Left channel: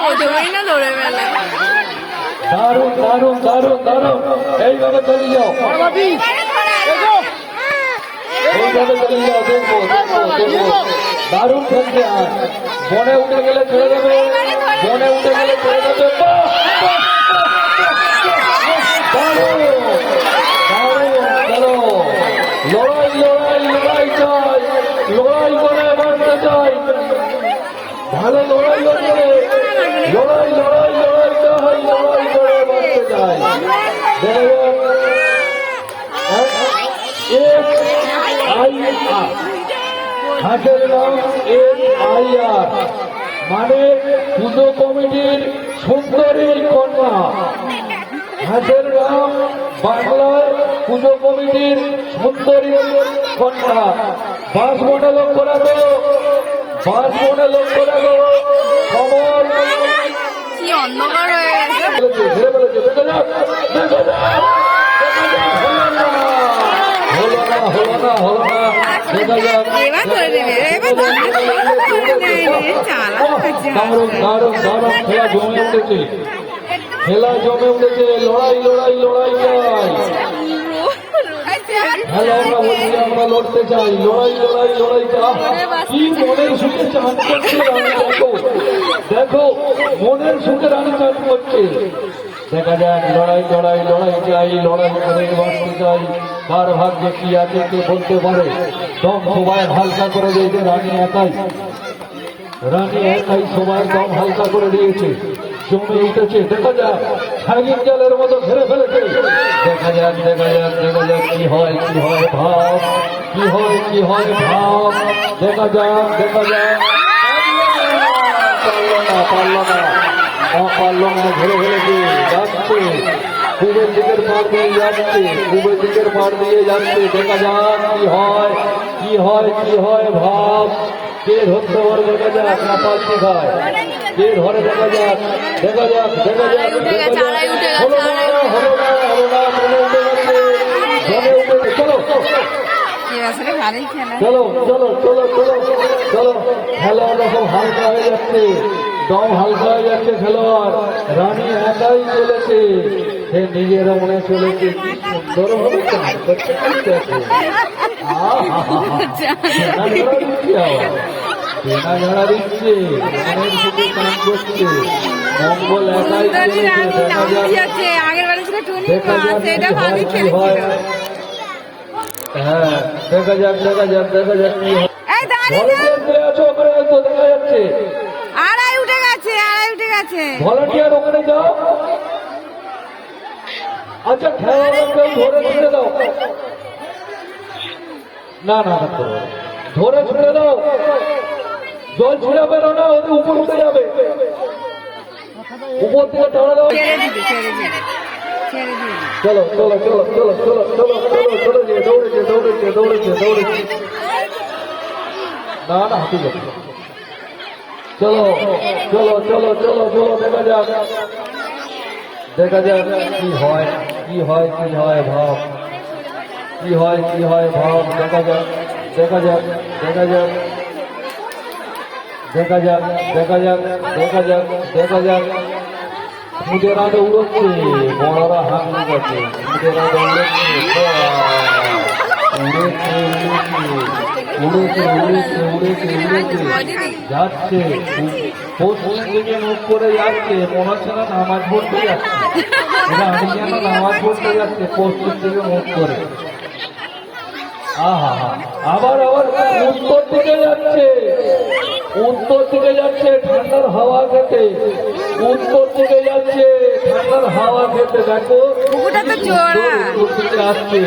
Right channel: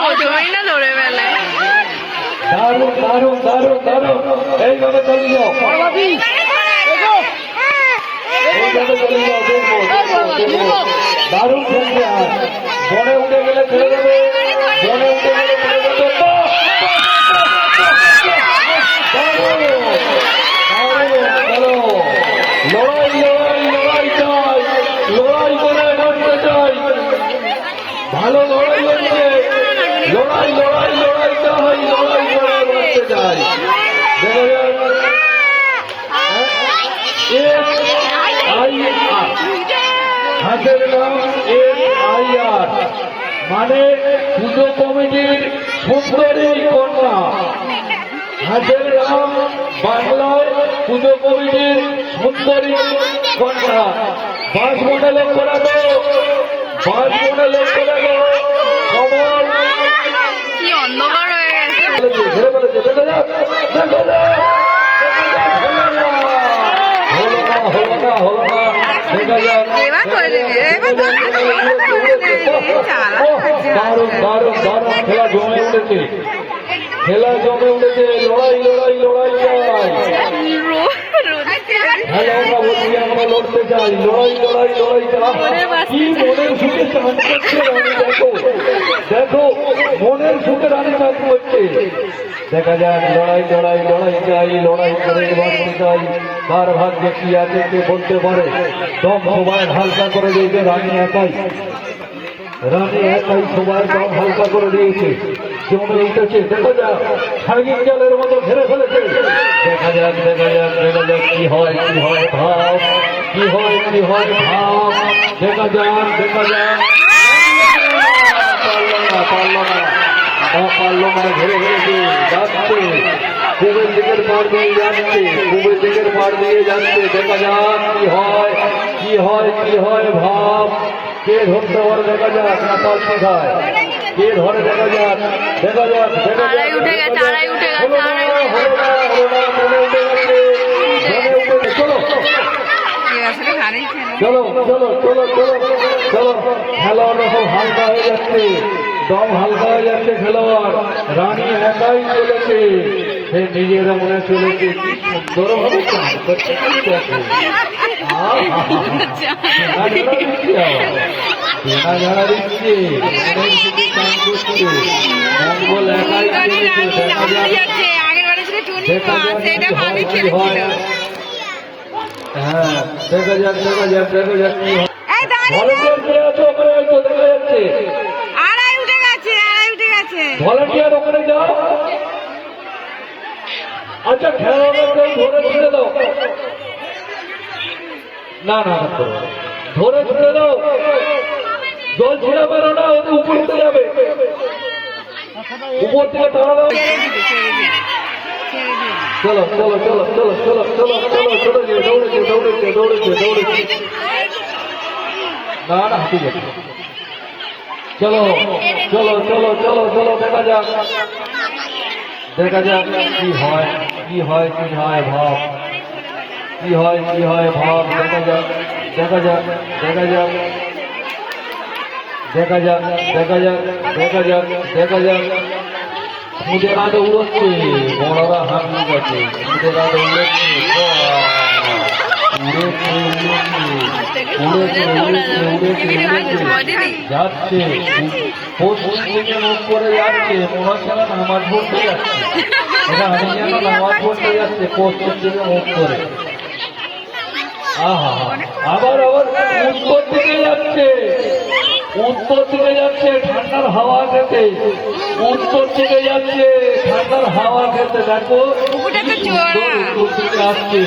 প্রথমেই না ধরে ফেলে। দারুণ দারুণ দারুণ দারুণ, এইভাবে চালিয়ে যাও, এইভাবে চালিয়ে যাও। দেখবো দেখবো দেখবো, দারুণ খেলছে। আর বনে উঠে গেলে ছেড়ে দেবে, বনে উঠে গেলে ছেড়ে দেবে। লড়াই লড়াই লড়াই চাই, লড়াই করে মরতে চাই। ভালো লড়াই হচ্ছে, লড়াই লড়াই লড়াই চাই, লড়াই করে মরতে চাই। হাতের নাম SIR, মানে পুজো কমিটির সুন্দরী কন্যা। হাতের নাম বাংলায় পুজো কমিটির সুন্দরী কন্যা। বাস মোটা লোক করাবো, বাস মোটা লোক করাবো। কি অন্ধকার হয়ে গেছে। দারুণ দারুণ দারুণ খেলা জমে উঠেছে, খেলা জমে উঠেছে। লড়াই লড়াই লড়াই চাই, খেলা আমরা বলছি, আমরা লড়তে চাই। লড়াই লড়াই লড়াই চাই। কি মনের সুখে চান করছে রানী, দেখো দেখো, মনের সুখে রানী চান করছে। দেখা যাক, লড়াই লড়াই লড়াই চাই, লড়াই করে বাঁচতে চাই। কার ভাগ্যে কি আছে কে বলতে পারে। দম সবাই হালকা করে দিয়েছে রানী একাই, রানী একাই সবাই দম হালকা করে দিয়েছে, জমে উঠেছে। দেখা যাক, সার্গিক জালের মতো ঘেরে ফেলেছে। দেখা যাক দেখা যাক দেখা যাক কি হয় কি হয় ভাব, কি হয় কি হয় ভাব। দেখা যাক দেখা যাক, পারলো না, ঘেরে ফেলেছে, যাচ্ছে পূবের দিকের পার দিয়ে যাচ্ছে, পূবের দিকের পার দিয়ে যাচ্ছে। দেখা যাক কি হয় কি হয় কি হয় ভাব। কে ধরতে পারে দেখা যাক, না পাল্টি খায় কে ধরে। দেখা যাক দেখা যাক দেখা যাক, উঠে গেছে, আড়াই উঠে গেছে, আড়াই উঠে গেছে। চলো চলো চলো চলো চলো চলো, খেলোয়াড়রা সব হালকা হয়ে যাচ্ছে, দম হালকা হয়ে যাচ্ছে খেলোয়াড়। রানী একাই চলেছে, সে নিজেরা মনে চলেছে। কি সুন্দর ভাবে চান করছে, ঝাড়া দিচ্ছে, মনের সুখে চান করছে। মঙ্গল একাই চলেছে। দেখা যাক দেখা যাক কি হয়। হ্যাঁ দেখা যাক দেখা যাক দেখা যাক কি হয়। ভলেন্টিয়ার কে আছো ওখানে? তো দেখা যাচ্ছে আড়াই উঠে গেছে, আড়াই উঠে গেছে। ভলেন্টিয়ার ওখানে যাও। আচ্ছা খেলোয়াড়কে ধরে ছেড়ে দাও। না না ধরে ছেড়ে দাও, জল ছেড়ে বেরো না, ওদের উপর উঠে যাবে, উপর থেকে টানা দাও। চলো চলো চলো চলো চলো চলো চলো চলো, দৌড়েছে দৌড়েছে দৌড়েছে দৌড়েছে। না না হাঁটু যাচ্ছে। চলো চলো চলো চলো চলো, দেখা যাক দেখা যাক কি হয় কি হয় কি হয় ভাব, কি হয় কি হয় ভাব। দেখা যাক দেখা যাক দেখা যাক দেখা যাক দেখা যাক দেখা যাক দেখা যাক। খুদেরা দৌড়চ্ছে, বড়রা হাঁটতে গেছে, খুদেরা দৌড়চ্ছে, যাচ্ছে পশ্চিম দিকে মুখ করে যাচ্ছে। মনে হচ্ছে না নামাজ পড়তে যাচ্ছে, এটা আমি যেন নামাজ পড়তে যাচ্ছে পশ্চিম দিকে মুখ করে। আহা আবার আবার উত্তর দিকে যাচ্ছে, উত্তর দিকে যাচ্ছে ঠান্ডার হাওয়া খেতে, উত্তর দিকে যাচ্ছে ঠান্ডার হাওয়া খেতে। দেখো পুকুরটা তো চওড়া। উত্তর দিকে আসছে,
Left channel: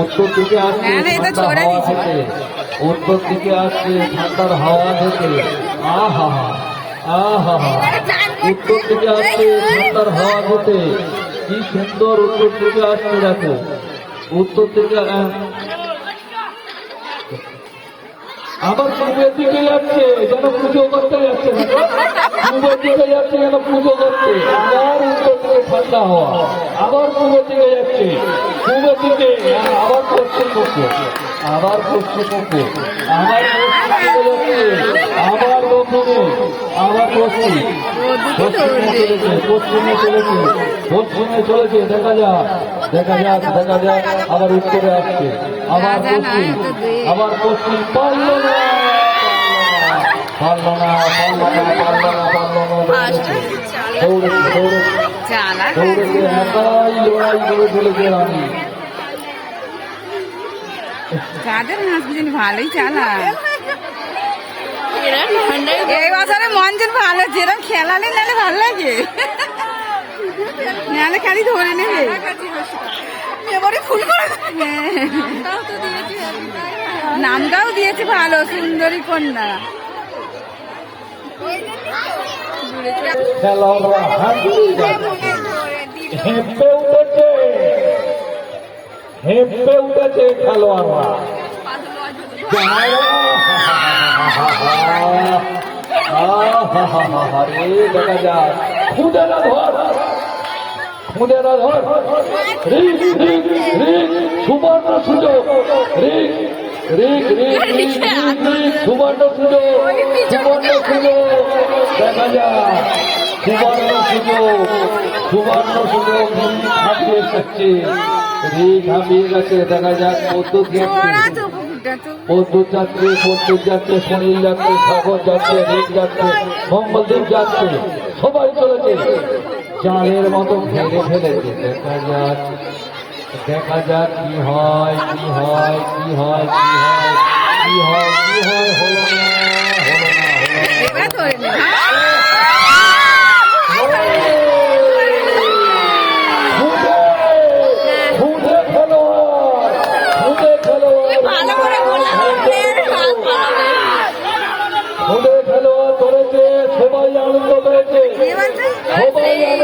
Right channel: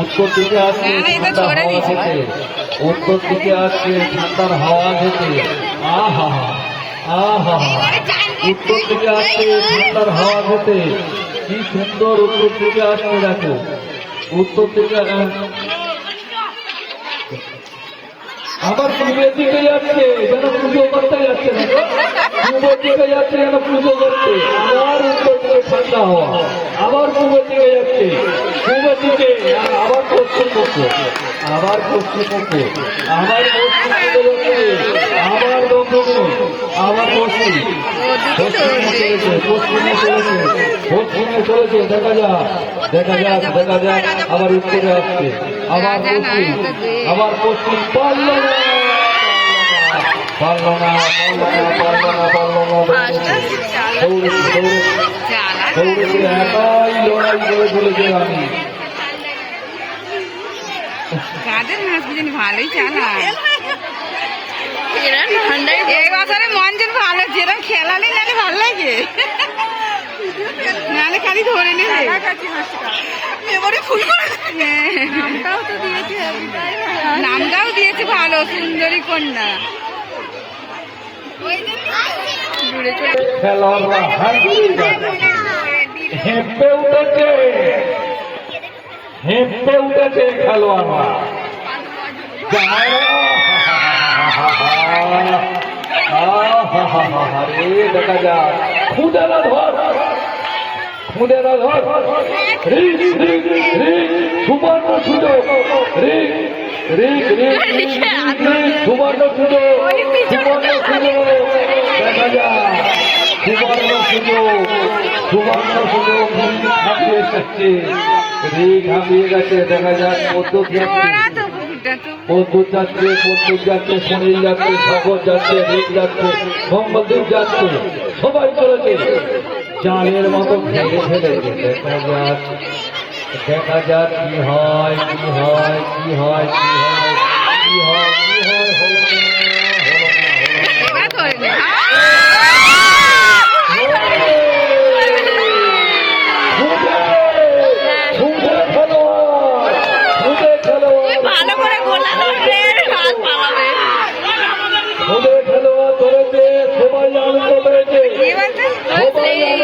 উত্তর দিকে আসছে না, না, এটা ঠান্ডার চওড়া হাওয়া দিয়েছে। খেতে, উত্তর দিকে আসছে ঠান্ডার হাওয়া খেতে। আহা আহা, উত্তর দিকে আসছে ঠান্ডার হাওয়া খেতে। কি সুন্দর উত্তর দিকে আসছে। দেখো উত্তর দিকে আবার পূর্বের দিকে যাচ্ছে, যেন পুজো করতে যাচ্ছে। দেখো পূর্বের দিকে যাচ্ছে যেন পুজো করতে। আবার উত্তর দিকে ঠান্ডা হওয়া, আবার পূর্বের দিকে যাচ্ছে, পূর্বের দিকে আবার পশ্চিম পক্ষ, আবার পশ্চিম পক্ষ, আবার পশ্চিম দিকে যাচ্ছে, আবার দক্ষিণে, আবার পশ্চিমে চলেছে, পশ্চিমে চলেছে, পশ্চিমে চলেছে। দেখা যাক, দেখা যাক, দেখা যাক। আবার উত্তরে আসছে, আবার পশ্চিম, আবার পশ্চিম। পারলো না, পারলো না, পারলো না, পারলো না, পারলো না। দৌড়েছে, দৌড়েছে, চালা দৌড়েছে, একাই লড়াই করে চলেছে আমি। কাদের মাছ বুঝিনি ভালোই চালা। এরা ঠান্ডায় এই বছরে মঞ্জন ভালো, যেরকম খেলালে নালে ভালো লাগে, নালে খালি ধরে নিলে এবারে ফুল করে। হ্যাঁ, নামটাও দিয়েছে ভালো, সুন্দরী কন্যা। দূরে চলে খেলোয়াড়রা হেঁপে উঠেছে, হেঁপে উঠেছে খেলোয়াড়রা। দেখা যায় খুদেরা ধর, খুদেরা ধর, রিক রিক রিক, সুবর্ণ সুযোগ, রিক রিক রিক রিক রিক, সুবর্ণ সুযোগ, সুবর্ণ সুযোগ। দেখা যায় সুবর্ণ সুযোগ, সুবর্ণ সুযোগ হাঁপিয়ে এসেছে, রিক হাঁপিয়ে গেছে। দেখা যাক পদ্মুত যাচ্ছে, ওরা তো পুকুরটা তো পদ্মুত যাচ্ছে, পদ্মুত যাচ্ছে, সুনীল যাচ্ছে, সাগর যাচ্ছে, রিক যাচ্ছে, মঙ্গলদেব যাচ্ছে, সবাই চলেছে জালের মতো ঘেরে ফেলেছে। দেখা যাক, দেখা যাক কি হয়, কি হয়, কি হয়, কি হয়, কি হয়, কি হয়। হলো না, হলো না, হলো না। এরা করবে। খুদে খেলোয়াড়, খুদে খেলোয়াড়, ভালো করে গোলা করলে হাত পালাবে। খুদে খেলোয়াড় ধরেছে, সবাই আনন্দ পেয়েছে, এবার তো সবাই আনন্দ